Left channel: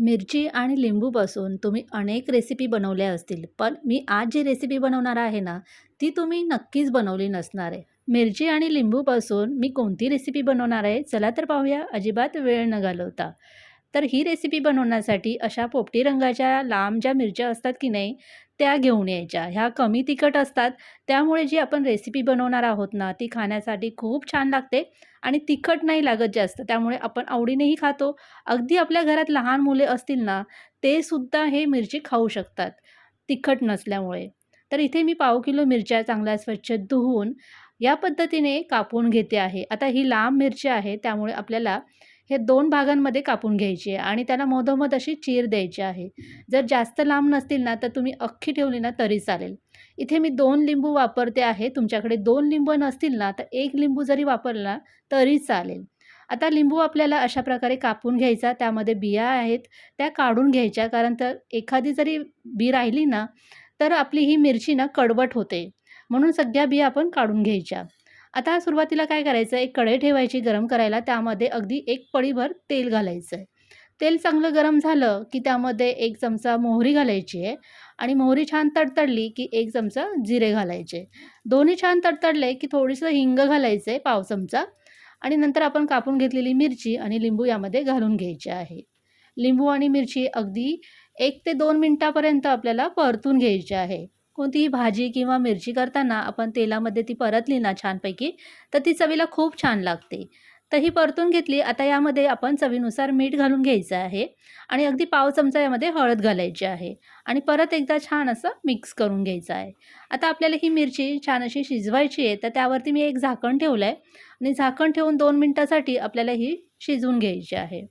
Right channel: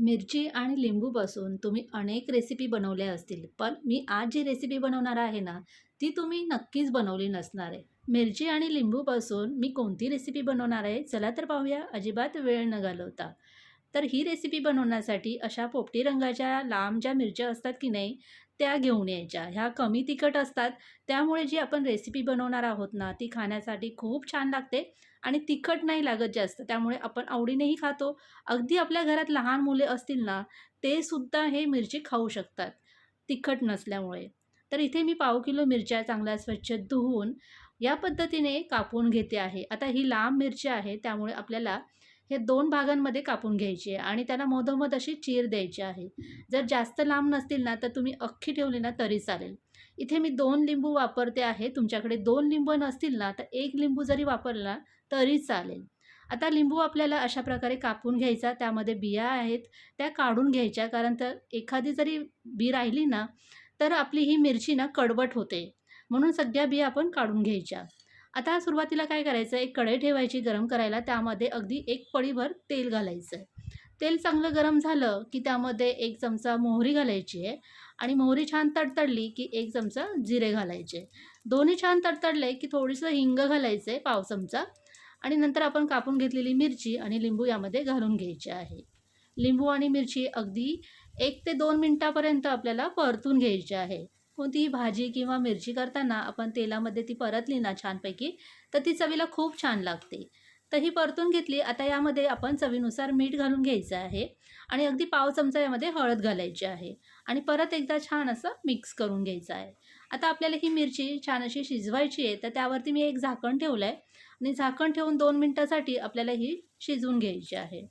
मिरची आणि लिंबूपासून तुम्ही अनेक रेसिपी बनवल्या असतील पण मी आज जी रेसिपी बनवणार आहे ना ती तुम्ही नक्कीच बनवली नसणार आहे. मिरची आणि लिंबूपासून मी कोणती रेसिपी बनवणार आहे चला तर पाहूया. अजिबात वेळ न घालवता. तर ही रेसिपी बनवण्यासाठी अशा पोपटी रंगाच्या लांब ज्या मिरच्या असतात की नाही त्या घेऊन यायच्या. ह्या कमी तिखट असतात. त्यामुळे जी आपण रेसिपी बनवणार आहोत ना ती खाण्यासाठी खूप छान लागते आणि तिखट नाही लागत जास्त. त्यामुळे आपण आवडीनेही खातो. अगदी आपल्या घरात लहान मुले असतील ना ते सुद्धा हे मिरची खाऊ शकतात तिखट नसल्यामुळे. तर इथे मी पाव किलो मिरच्या चांगल्या स्वच्छ धुवून या पद्धतीने कापून घेते आहे. आता ही लांब मिरची आहे त्यामुळे आपल्याला हे दोन भागांमध्ये कापून घ्यायची आहे आणि त्याला मधोमध अशी चीर द्यायची आहे. जर जास्त लांब नसतील ना तर तुम्ही अख्खी ठेवली ना तरी चालेल. इथे मी दोन लिंबू वापरते आहे. तुमच्याकडे दोन लिंबू नसतील ना तर एक लिंबू जरी वापरला तरी चालेल. आता लिंबू आपल्याला अशा प्रकारे कापून घ्यायचा. त्यामध्ये बिया आहेत त्या काढून घ्यायच्या. कारण तर एखादी जरी बी राहिली ना तर आपली ही मिरची ना कडवट होते. म्हणून सगळ्या बिया आपण काढून घ्यायच्या. आता सुरुवातीला काय करायचं? एक कढई ठेवायची गरम करायला. त्यामध्ये अगदी एक पळीभर तेल घालायचं आहे तेल चांगलं गरम झालं की त्यामध्ये एक चमचा मोहरी घालायची आहे आणि मोहरी छान तडतडली की एक चमचा जिरे घालायचे. दोन्ही छान तडतडले की थोडीसं हिंग घालायचं आहे पाव चमचा आणि नंतर आपण कापून घेतलेली मिरची आणि लिंबू यामध्ये घालून घ्यायचे आहे. लिंबू आणि मिरची अगदी एक ते दोन मिनटापर्यंत आपल्याला परतून घ्यायची आहे. कोणतीही भाजी किंवा मिरची करताना आपण तेलामध्ये ती परतली ना छानपैकी तर ती चवीला खूप छान लागते. तर ही परतून घेतली आता यामध्ये आपण चवीनुसार मीठ घालून घ्यायचं आहे आणि अगदी पाव चमचा यामध्ये हळद घालायची आहे आणि परत एकदा छान असं मिक्स करून घ्यायचं आहे. आता आपल्याला ही मिरची छान अशी शिजवायची आहे तर त्यावरती मी एक झाकण ठेवलं आहे आणि झाकण ठेवून दोन मिनटासाठी आपल्याला ही शिजवून घ्यायची आहे.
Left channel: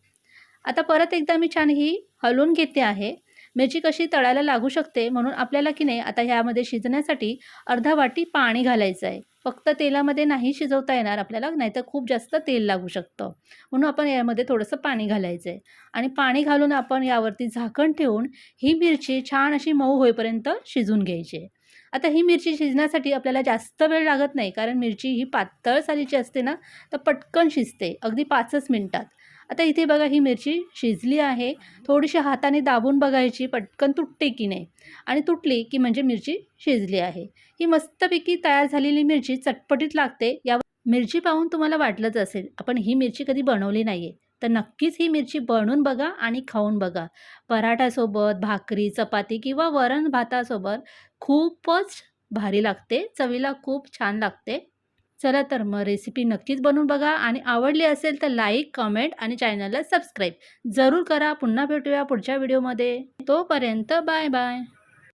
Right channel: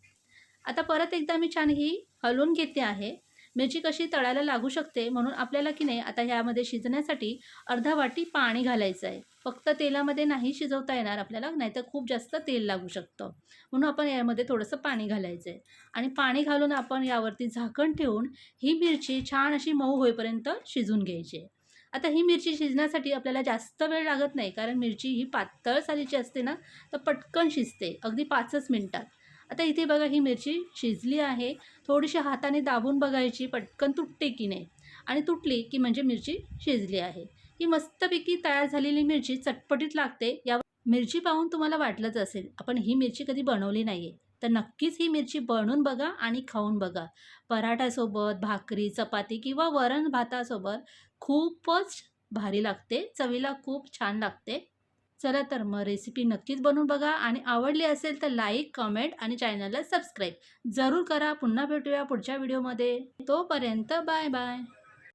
आता परत एकदा मी छान ही हलवून घेते आहे मिरची कशी तळायला लागू शकते म्हणून आपल्याला की नाही आता ह्यामध्ये शिजण्यासाठी अर्धा वाटी पाणी घालायचं आहे. फक्त तेलामध्ये नाही शिजवता येणार आपल्याला नाहीतर खूप जास्त तेल लागू शकतं. म्हणून आपण यामध्ये थोडंसं पाणी घालायचं आहे आणि पाणी घालून आपण यावरती झाकण ठेवून ही मिरची छान अशी मऊ होईपर्यंत शिजून घ्यायची. आहे आता ही मिरची शिजण्यासाठी आपल्याला जास्त वेळ लागत नाही कारण मिरची ही पातळ सालीची असते ना तर पटकन शिजते अगदी पाचच मिनटात. आता इथे बघा ही मिरची शिजली आहे. थोडीशी हाताने दाबून बघायची पटकन तुटते की नाही? आणि तुटली की म्हणजे मिरची शिजली आहे. ही मस्तपैकी तयार झालेली मिरची चटपटीत लागते. यावर मिरची पाहून तुम्हाला वाटलंच असेल आपण ही मिरची कधी बनवली नाही आहे तर नक्कीच ही मिरची बनवून बघा आणि खाऊन बघा. पराठ्यासोबत भाकरी चपाती किंवा वरण भातासोबत खूपच भारी लागते. चवीला खूप छान लागते. चला तर मग रेसिपी नक्कीच बनवून बघा आणि आवडली असेल तर लाईक कमेंट आणि चॅनलला सबस्क्राईब जरूर करा. पुन्हा भेटूया पुढच्या व्हिडिओमध्ये तोपर्यंत बाय बाय